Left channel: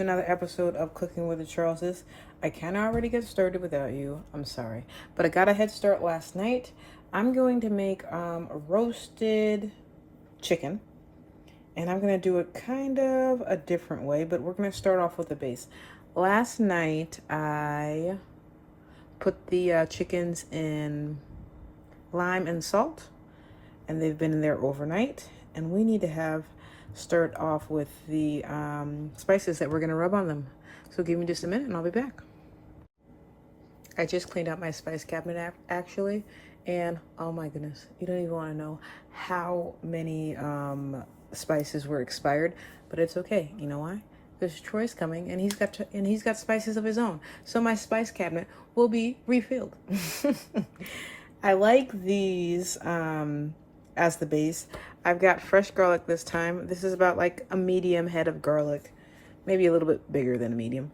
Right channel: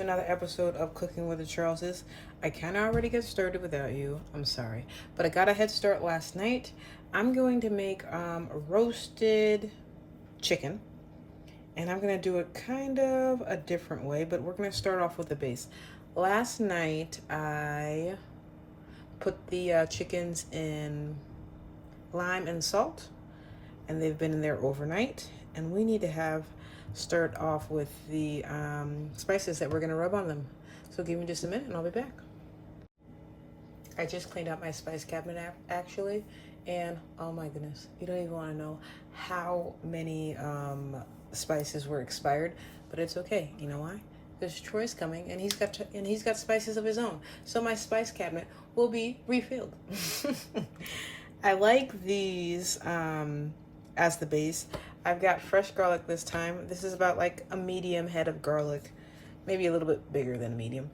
to another episode of Cooking with the Charleses. I can already get started without you. I'm sorry. But I got a head start last night. I'm going to make a roasted chicken. And I'm going to do it kind of a different way, but we're going to start off with the base. Last night, I put the chickens in lime and salt, and they've been in there overnight. And we need to start off with the spices that we're going to rub on them. So give me just a minute and I'll be back. I just cleaned out my spice cabinet actually, and oh my goodness, you don't even want to know how many spices were expired, but it's okay. You know why? There's Troy's coming, and he's got spices of his own, so my spice cabinet will be refilled. I like these as the base. I've got fresh garlic this time. This is about like a medium head of garlic, maybe a little bit bigger than a medium.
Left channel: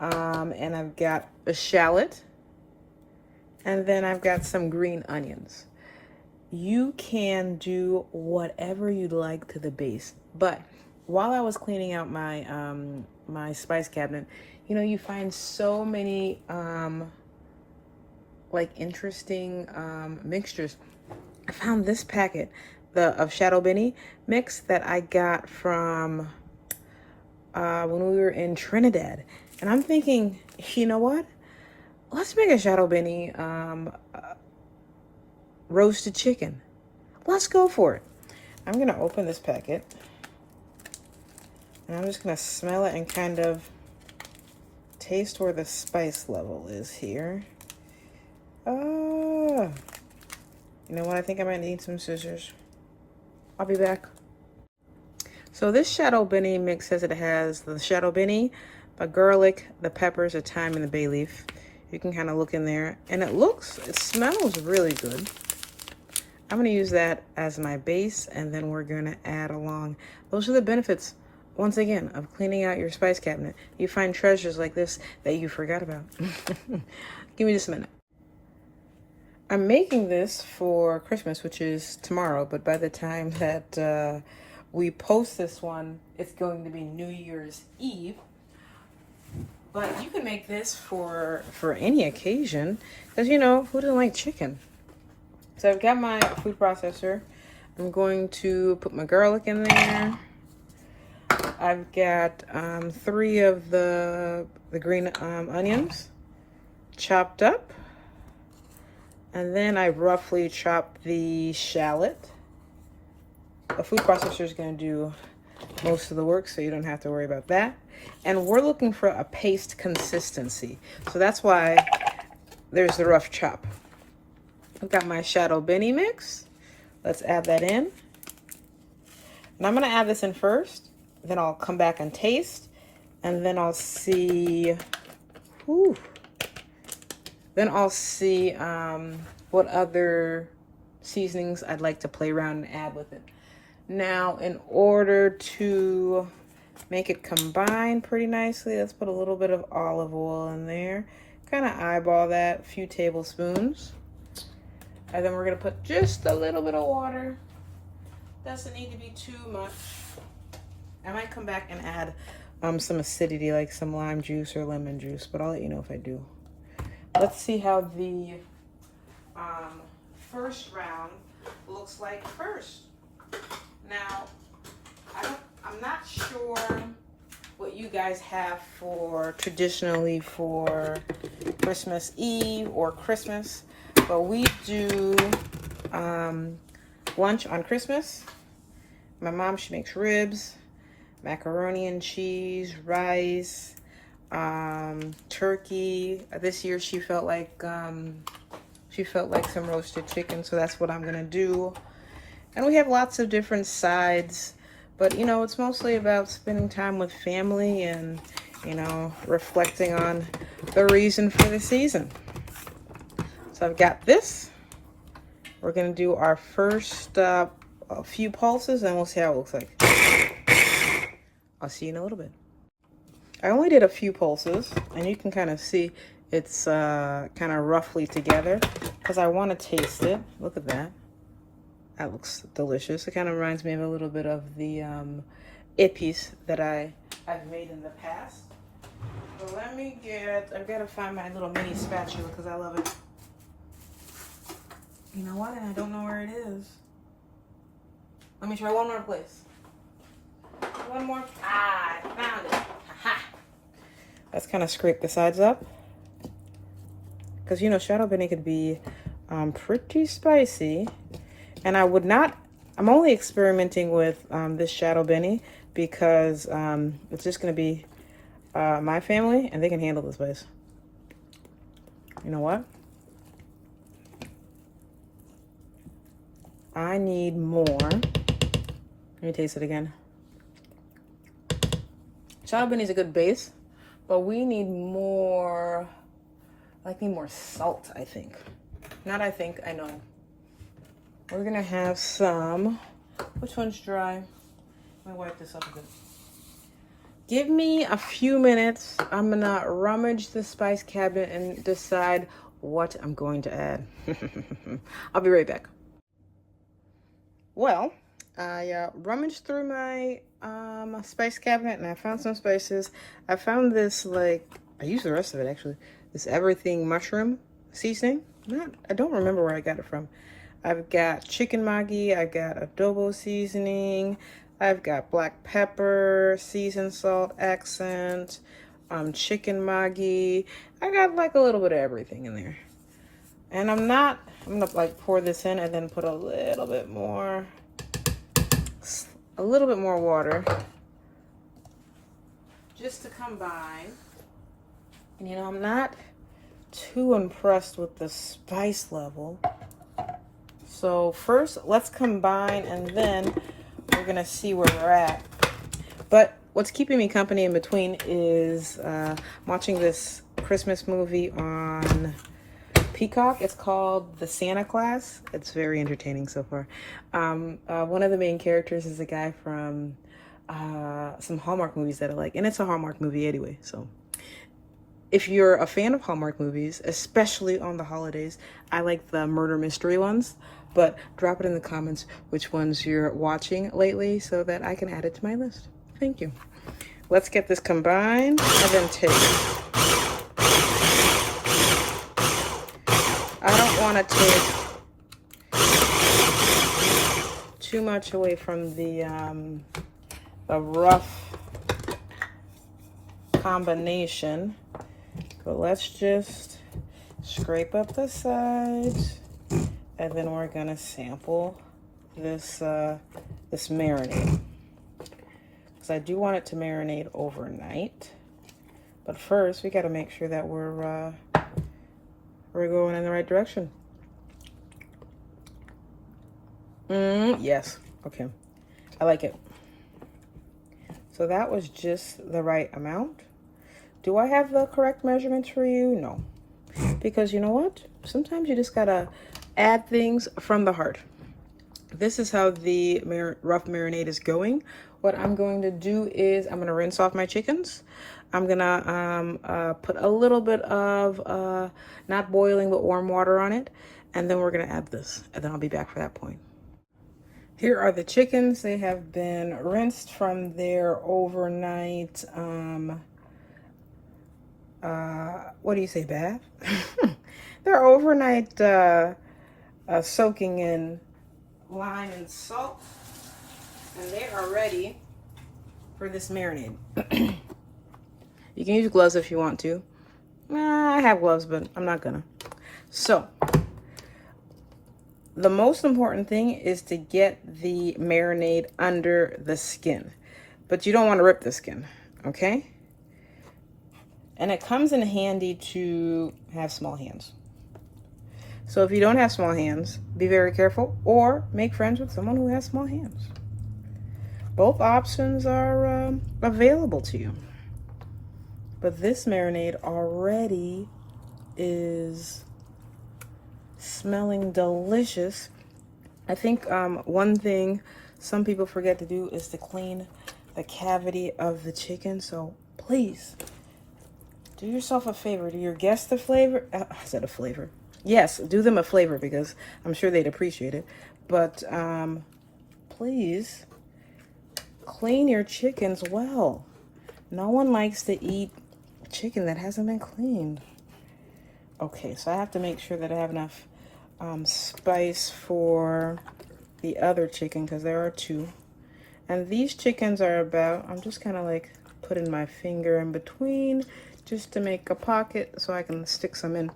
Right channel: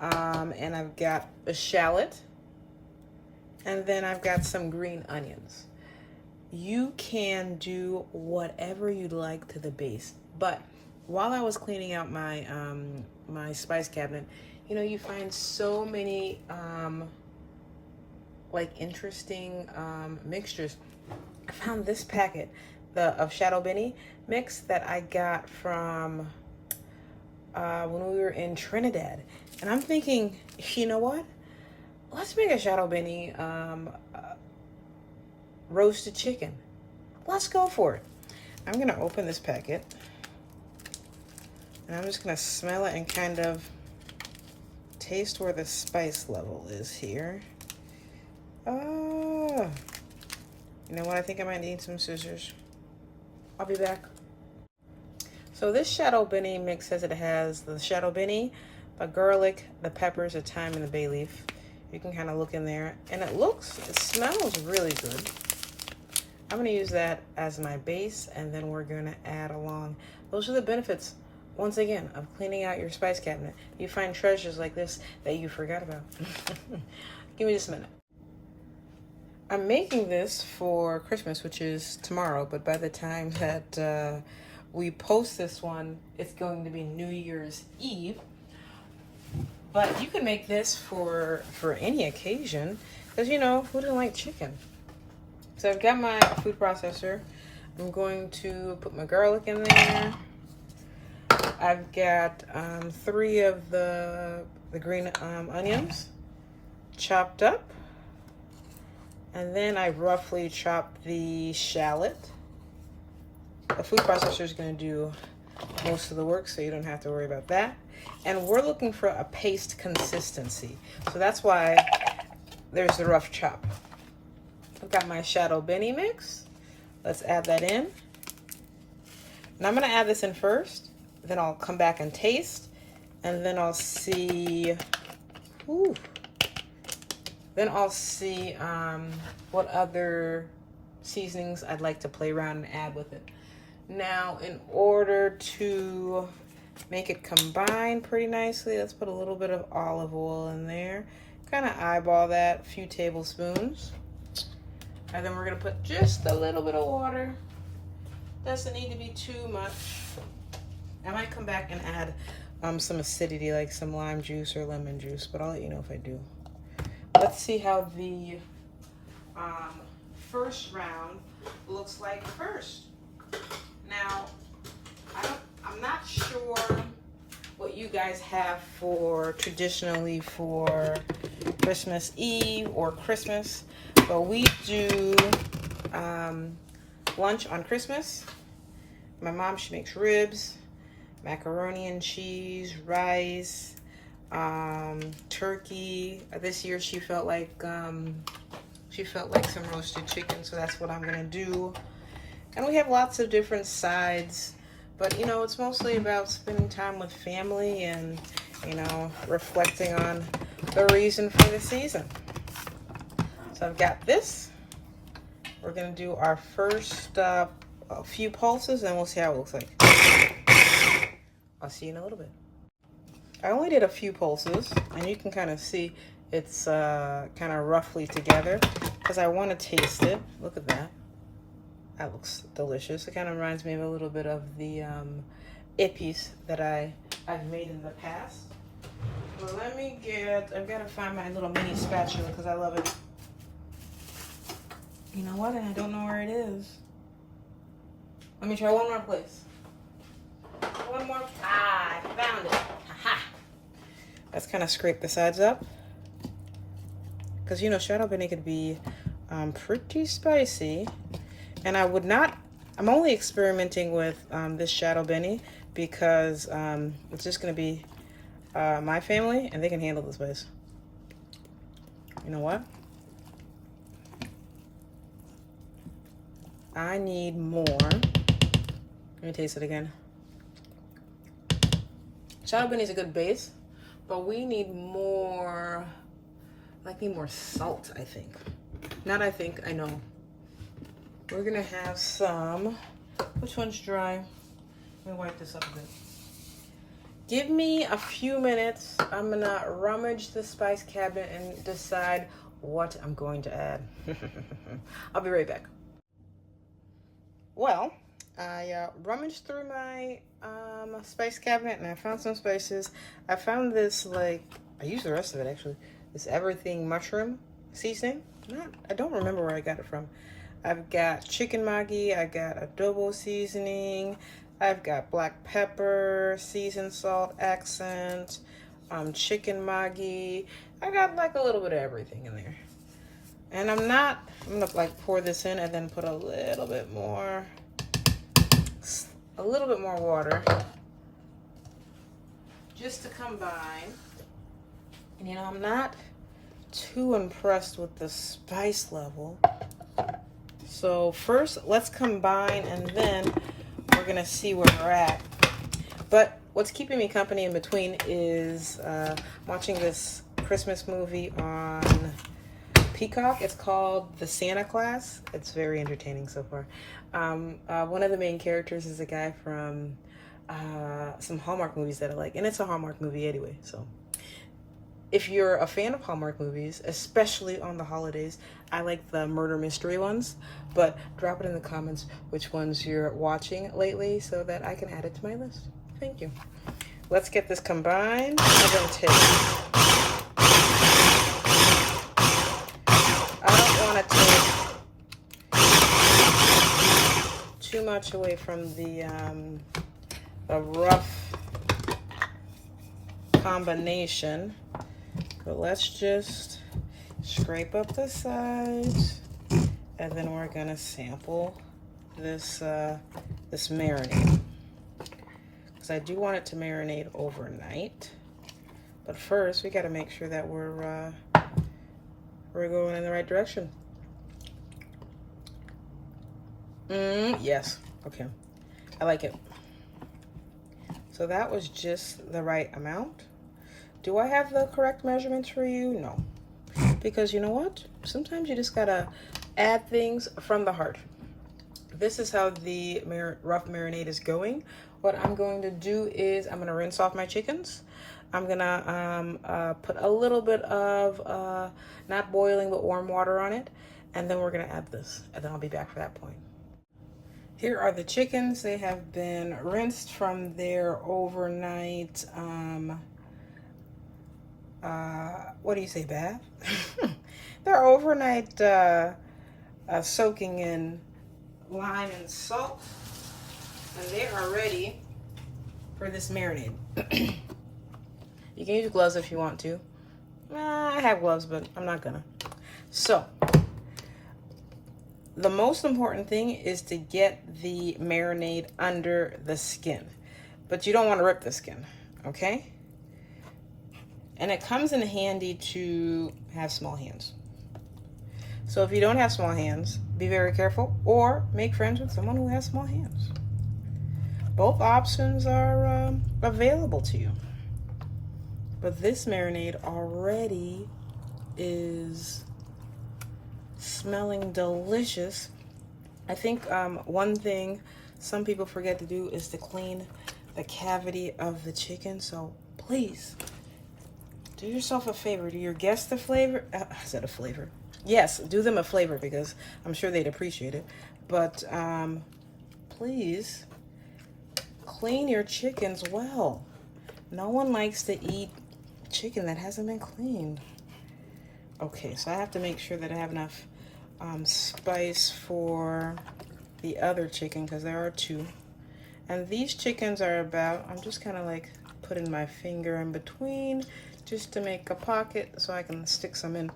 And I've got a shallot, and then I've got some green onions. You can do whatever you'd like to the base, but while I was cleaning out my my spice cabinet, you know, you find so many like interesting mixtures. I found this packet of shallot beni mix that I got from when we were in Trinidad, and I'm thinking, you know what? Let's make a shallot beni roasted chicken. Let's go for it. I'm gonna open this packet, and I'm just gonna smell it and kind of taste where the spice level is here. Oh, you know what? I think I might need some scissors. I'll be back. So this shallot beni mix says it has the shallot beni, the garlic, the peppers, the thyme, and the bay leaf. You can kind of look in there, and it smells really good. I'm going to use that as my base, and then we're going to add along. Those are the benefits, once again, of cleaning out your spice cabinet. You find treasures like this that you forgot about. Give me just a minute. I'm making this for Christmas, which is tomorrow, but by the time that we post this one, it's going to be New Year's Eve. But you can make this for any occasion, because, you know, who doesn't like chicken? So I've got my food processor. I'm going to put my garlic in there. I've got 3 of the green onions chopped up. And then I roughly chopped the shallot. The food processor is going to do most of the work, so you don't have to worry about that. And we're looking for a paste consistency, so that's why there's the rough chop. I've got my shallot beni mix. Let's add that in. And I'm going to add this in first, then I'll come back and taste, and then I'll see. Whew, then I'll see what other seasonings I'd like to play around and add with it. Now, in order to make it combine pretty nicely, let's put a little bit of olive oil in there. Kind of eyeball that, a few tablespoons. And then we're going to put just a little bit of water. Doesn't need to be too much. I might come back and add some acidity, like some lime juice or lemon juice, but I'll let you know if I do. Let's see how the first round looks like first. Now, I'm not sure what you guys have traditionally for Christmas Eve or Christmas, but we do lunch on Christmas. My mom, she makes ribs, macaroni and cheese, rice, turkey. This year she felt like some roasted chicken, so that's what I'm gonna do. And we have lots of different sides, but you know, it's mostly about spending time with family and, you know, reflecting on the reason for the season. So I've got this. We're gonna do our first a few pulses, and we'll see how it looks like. I'll see you in a little bit. I only did a few pulses, and you can kind of see it's kind of roughly together because I want to taste it. Look at that. That looks delicious. It kind of reminds me of a little bit of the ippies that I've made in the past. Well, let me I've got to find my little mini spatula because I love it. You know what? And I don't know where it is. Let me try one more place. One more. Ah, I found it. Aha. Let's kind of scrape the sides up. Because, you know, shallot beni could be pretty spicy. And I would not, I'm only experimenting with this shallot beni because it's just going to be my family, and they can handle the spice. You know what? I need more. Let me taste it again. Shallot beni is a good base, but we need more. I need more salt, I think. Not I think, I know. We're gonna have some. Which one's dry? Let me wipe this up a bit. Give me a few minutes. I'm gonna rummage the spice cabinet and decide what I'm going to add. I'll be right back. Well, I rummaged through my spice cabinet and I found some spices. I found this, like, I used the rest of it actually. This everything mushroom seasoning. I don't remember where I got it from. I've got chicken maggi, I got adobo seasoning, I've got black pepper, seasoned salt, accent, chicken maggi. I got like a little bit of everything in there. And I'm gonna like pour this in and then put a little bit more water just to combine. You know, I'm not too impressed with the spice level. So first, let's combine and then we're gonna see where we're at. But what's keeping me company in between is watching this Christmas movie on Peacock. It's called The Santa Claus. It's very entertaining so far. One of the main characters is a guy from some Hallmark movies that I like, and it's a Hallmark movie anyway, so. If you're a fan of Hallmark movies, especially on the holidays, I like the murder mystery ones, but drop it in the comments which ones you're watching lately so that I can add it to my list. Thank you. Let's get this combined. I don't want to take too much away from the rough combination. But let's just scrape up the sides, and then we're gonna sample this this marinade, because I do want it to marinate overnight. But first, we got to make sure that we're going in the right direction. Yes, okay, I like it. So that was just the right amount. Do I have the correct measurements for you? No. Because you know what? Sometimes you just gotta add things from the heart. This is how the rough marinade is going. What I'm going to do is I'm gonna rinse off my chickens. I'm gonna put a little bit of, not boiling, but warm water on it. And then we're gonna add this, and then I'll be back for that point. Here are the chickens. They have been rinsed from their overnight, what do you say, bath? They're overnight soaking in lime and salt, and they are ready for this marinade. You can use gloves if you want to. I have gloves, but I'm not gonna. So, the most important thing is to get the marinade under the skin, but you don't want to rip the skin, okay? And it comes in handy to have small hands. So if you don't have small hands, be very careful, or make friends with someone who has small hands. Both options are available to you. But this marinade already is smelling delicious. I think one thing some people forget to do is to clean the cavity of the chicken. So please, do yourself a favor. Do your guests a flavor. I said a flavor. Yes, do them a flavor because I'm sure they'd appreciate it. But please clean your chickens well. No one likes to eat chicken that hasn't been cleaned. Okay, so I have to make sure that I have enough spice for the other chicken, because there are two. And these chickens are about, I'm just kind of like putting my finger in between just to make a pocket so I can stick some in.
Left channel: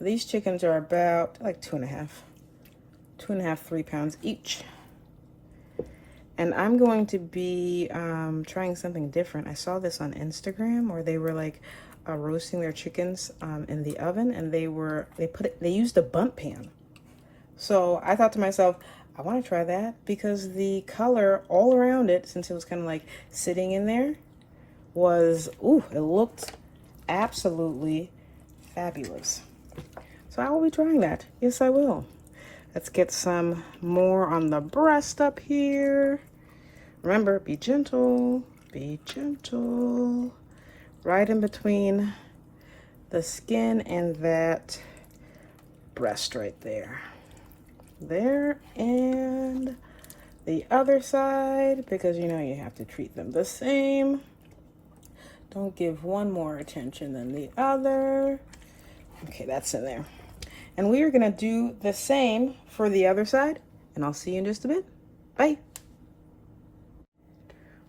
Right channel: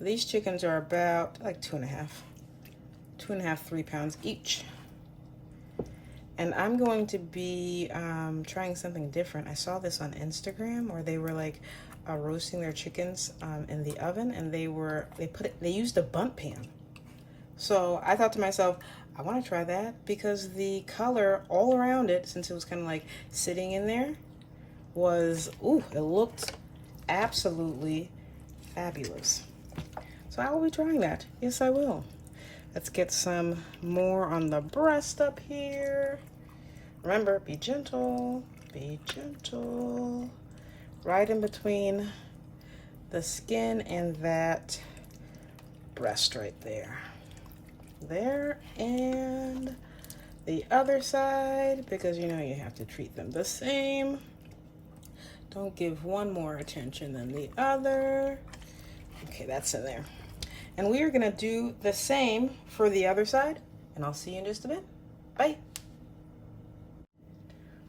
These chickens are about like 2.5, 3 pounds each. And I'm going to be trying something different. I saw this on Instagram where they were like roasting their chickens in the oven, and they used a Bundt pan. So I thought to myself, I want to try that, because the color all around it, since it was kind of like sitting in there, was, ooh, it looked absolutely fabulous. So I will be trying that. Yes, I will. Let's get some more on the breast up here. Remember, be gentle, be gentle. Right in between the skin and that breast right there. There, and the other side, because you know you have to treat them the same. Don't give one more attention than the other. Okay, that's in there. And we are gonna do the same for the other side, and I'll see you in just a bit. Bye.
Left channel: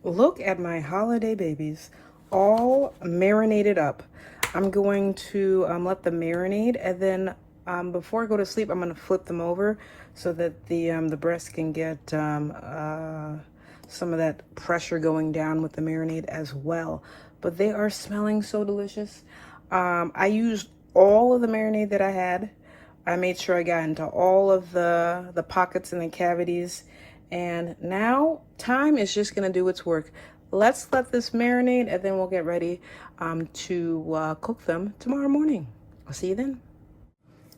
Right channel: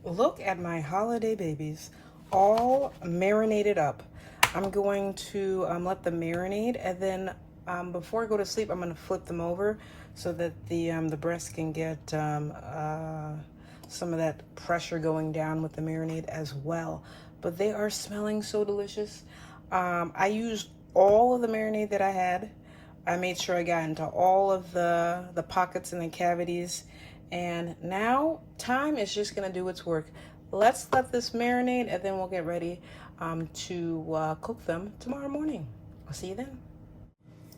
Look at my holiday babies, all marinated up. I'm going to let them marinate, and then before I go to sleep, I'm gonna flip them over so that the breast can get some of that pressure going down with the marinade as well. But they are smelling so delicious. I used all of the marinade that I had. I made sure I got into all of the pockets and the cavities. And now time is just gonna do its work. Let's let this marinate, and then we'll get ready to cook them tomorrow morning. I'll see you then.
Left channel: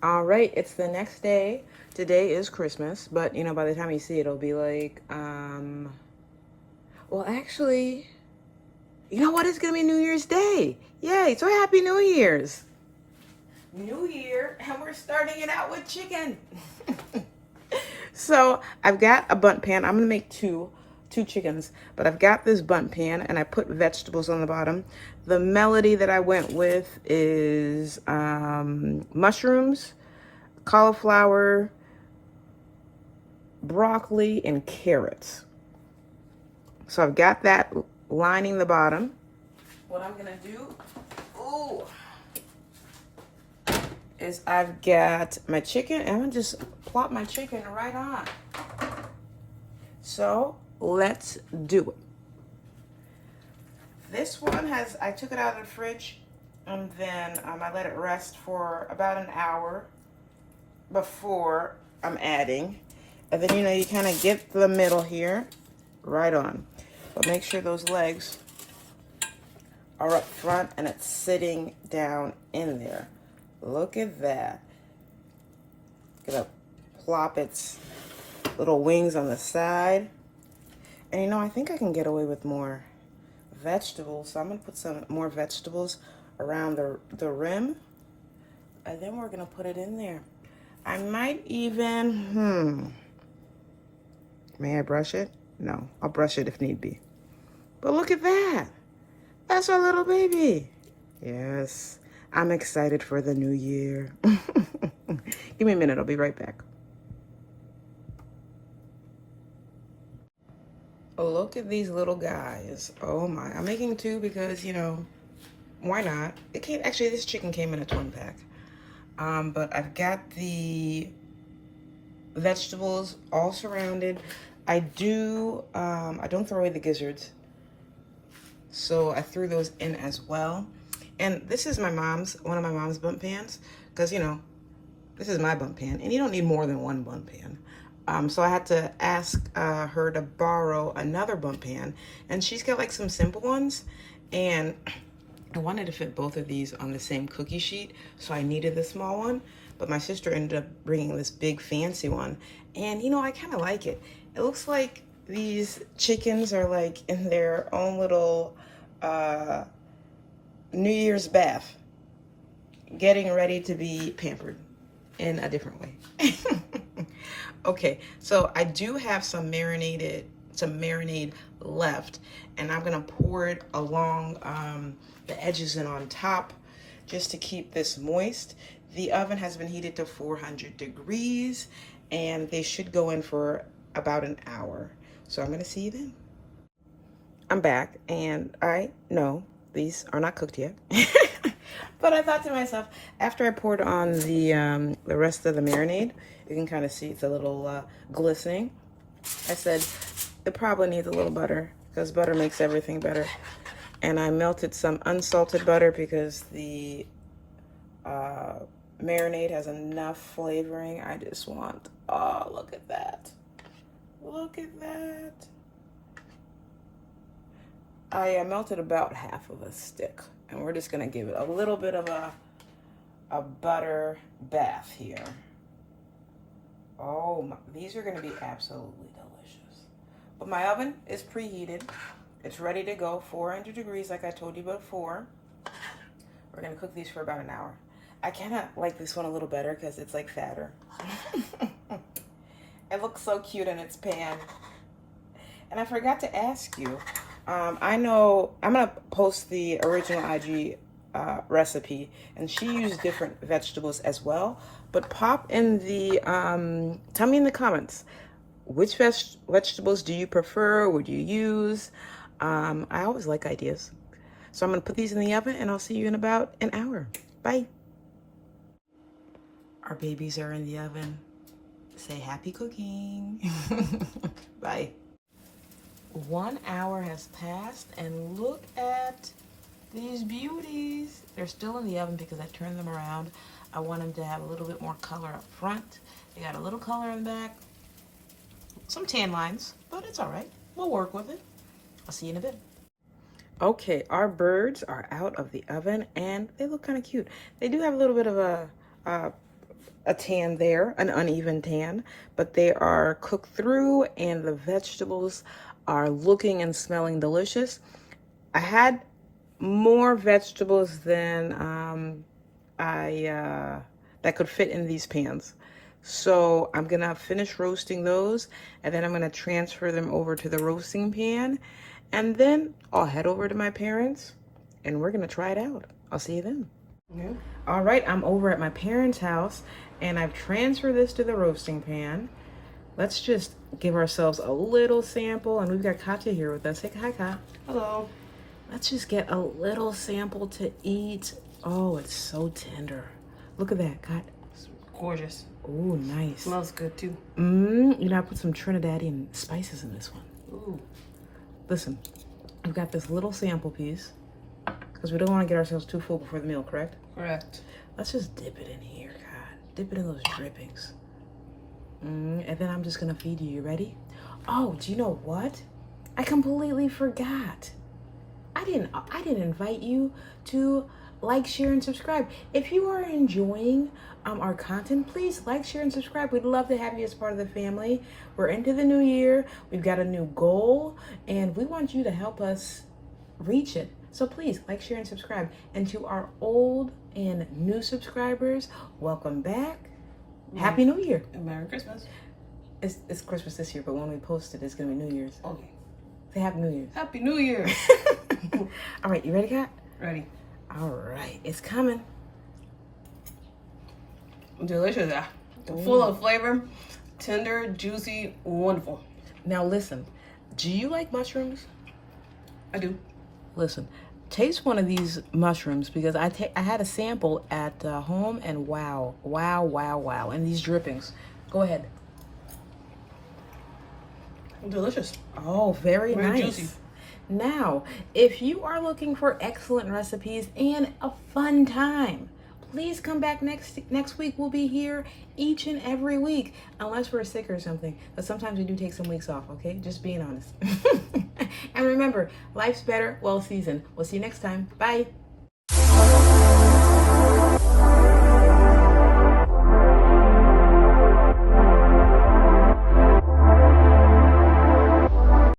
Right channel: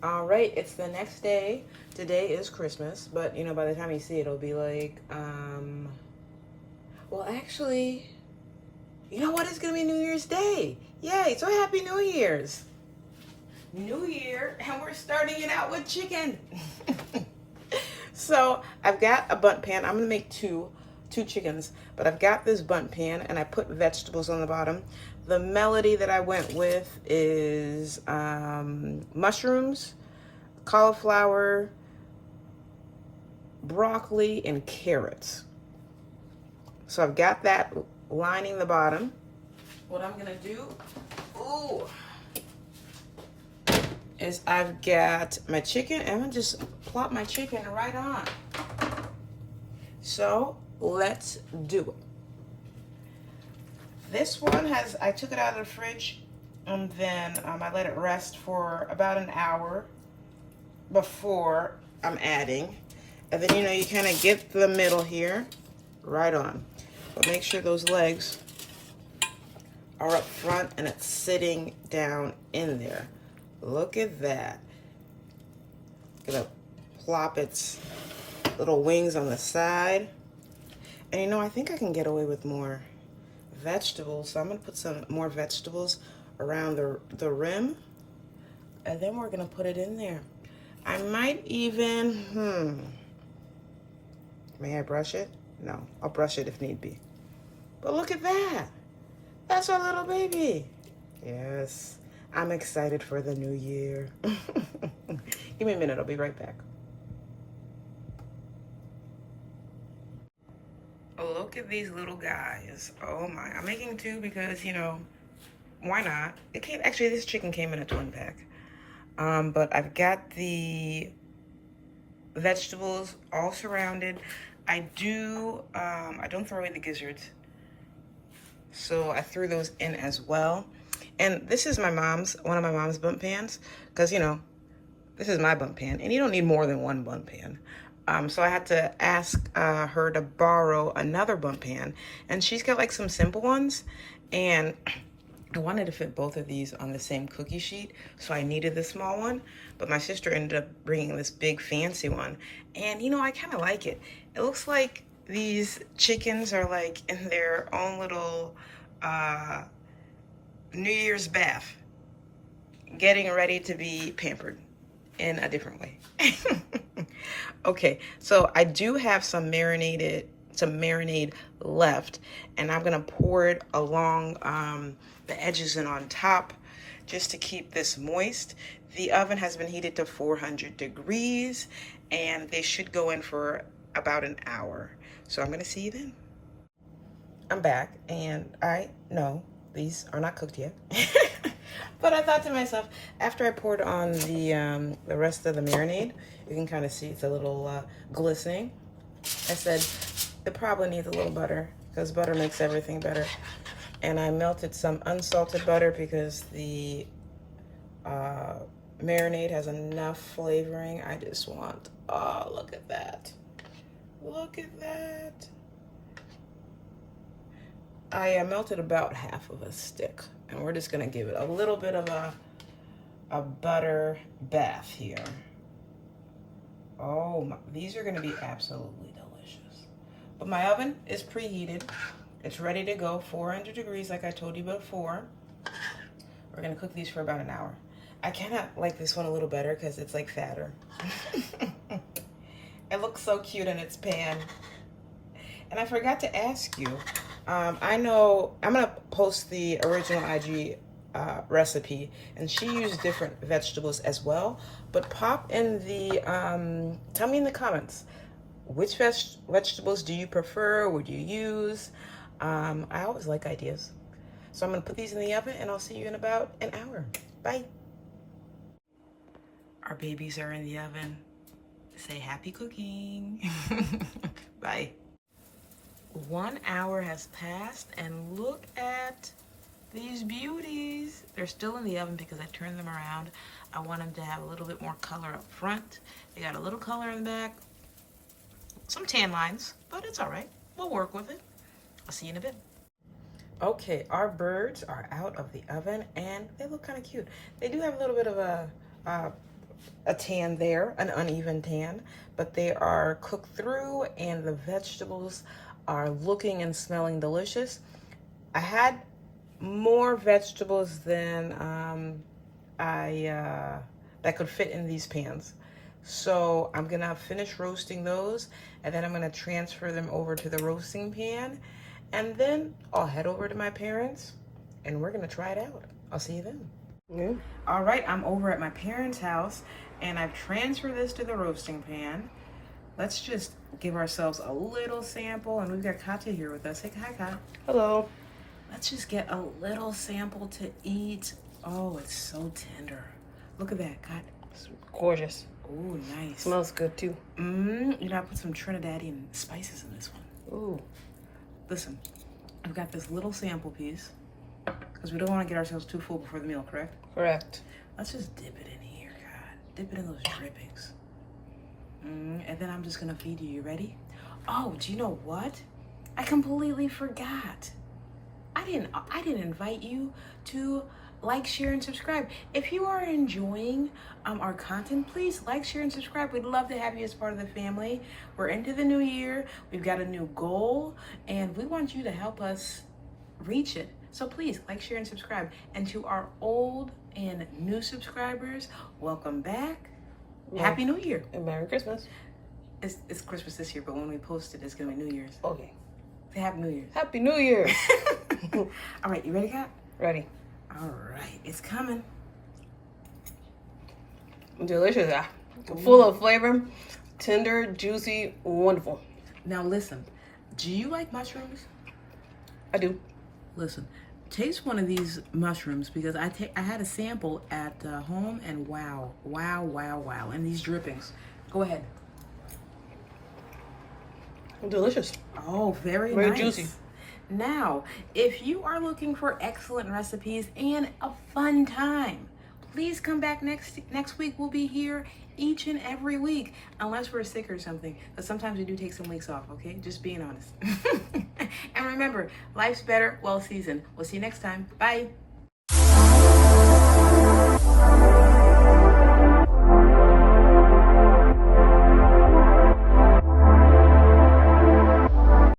All right, it's the next day. Today is Christmas, but you know, by the time you see it, it'll be like, well, actually, you know what? It's gonna be New Year's Day. Yay, so happy New Year's. New Year, and we're starting it out with chicken. So I've got a Bundt pan. I'm gonna make two chickens, but I've got this Bundt pan, and I put vegetables on the bottom. The melody that I went with is mushrooms, cauliflower, broccoli, and carrots. So I've got that lining the bottom. What I'm gonna do, is I've got my chicken, and I'm gonna just plop my chicken right on. So let's do it. This one I took it out of the fridge, and then I let it rest for about an hour before I'm adding. And then, you know, you kind of get the middle here right on. But make sure those legs are up front and it's sitting down in there. Look at that. Gonna plop its little wings on the side. And you know, I think I can get away with more vegetables. So I'm gonna put some more vegetables around the rim. And then we're gonna put it in there. I might even, may I brush it? No, I'll brush it if need be. But look at that. That's our little baby. Yes. I'm excited for the new year. Give me a minute, I'll be right back. Oh, look at these little guys. Oh my, I'm making two because, you know, why not? Actually, this chicken came in a twin pack. But I've got the vegetables all surrounded. I don't throw away the gizzards. So I threw those in as well. And this is one of my mom's Bundt pans, because, you know, this is my Bundt pan, and you don't need more than one Bundt pan. So I had to ask her to borrow another Bundt pan, and she's got like some simple ones, and I wanted to fit both of these on the same cookie sheet, so I needed the small one, but my sister ended up bringing this big fancy one, and you know, I kind of like it. It looks like these chickens are like in their own little New Year's bath, getting ready to be pampered in a different way. Okay, so I do have some marinated some marinade left, and I'm gonna pour it along the edges and on top just to keep this moist. The oven has been heated to 400 degrees, and they should go in for about an hour. So I'm gonna see you then. I'm back, and I know these are not cooked yet. But I thought to myself, after I poured on the rest of the marinade, you can kind of see it's a little glistening. I said, it probably needs a little butter, because butter makes everything better. And I melted some unsalted butter because the marinade has enough flavoring. I just want, oh, look at that. Look at that. I melted about half of a stick, and we're just gonna give it a little bit of a butter bath here. Oh, my, these are gonna be absolutely delicious. But my oven is preheated. It's ready to go, 400 degrees like I told you before. We're gonna cook these for about an hour. I kinda like this one a little better because it's like fatter. It looks so cute in its pan. And I forgot to ask you, I know I'm gonna post the original IG recipe, and she used different vegetables as well, but pop in the, tell me in the comments, which vegetables do you prefer, would you use? I always like ideas. So I'm gonna put these in the oven, and I'll see you in about an hour. Bye. Our babies are in the oven. Say happy cooking. Bye. 1 hour has passed, and look at these beauties. They're still in the oven because I turned them around. I want them to have a little bit more color up front. They got a little color in the back. Some tan lines, but it's all right. We'll work with it. I'll see you in a bit. Okay, our birds are out of the oven, and they look kind of cute. They do have a little bit of a tan there, an uneven tan, but they are cooked through, and the vegetables are looking and smelling delicious. I had more vegetables than that could fit in these pans. So I'm gonna finish roasting those, and then I'm gonna transfer them over to the roasting pan, and then I'll head over to my parents, and we're gonna try it out. I'll see you then. Yeah. All right, I'm over at my parents' house, and I've transferred this to the roasting pan. Let's just give ourselves a little sample, and we've got Katya here with us. Say hi, Kat. Hello. Let's just get a little sample to eat. Oh, it's so tender. Look at that, Kat. It's gorgeous. Ooh, nice. Smells good too. You know, I put some Trinidadian spices in this one. Ooh. Listen, we've got this little sample piece because we don't want to get ourselves too full before the meal, correct? Correct. Let's just dip it in here, God. Dip it in those drippings. And then I'm just gonna feed you. You ready? Oh, do you know what? I completely forgot. I didn't invite you to like, share, and subscribe. If you are enjoying our content, please like, share, and subscribe. We'd love to have you as part of the family. We're into the new year. We've got a new goal, and we want you to help us reach it. So please like, share, and subscribe. And to our old and new subscribers, welcome back. Happy New Year. And Merry Christmas. It's Christmas this year, but when we post it, it's going to be New Year's. Okay. Say Happy New Year. Happy New Year. All right, you ready, Kat? Ready. All right, it's coming. Delicious. Full of flavor. Tender, juicy, wonderful. Now listen, do you like mushrooms? I do. Listen, taste one of these mushrooms because I had a sample at home, and wow. And these drippings. Go ahead. Delicious. Oh, very Very nice. Juicy. Now, if you are looking for excellent recipes and a fun time, please come back next week. We'll be here each and every week, unless we're sick or something. But sometimes we do take some weeks off, okay? Just being honest. And remember, life's better well seasoned. We'll see you next time. Bye.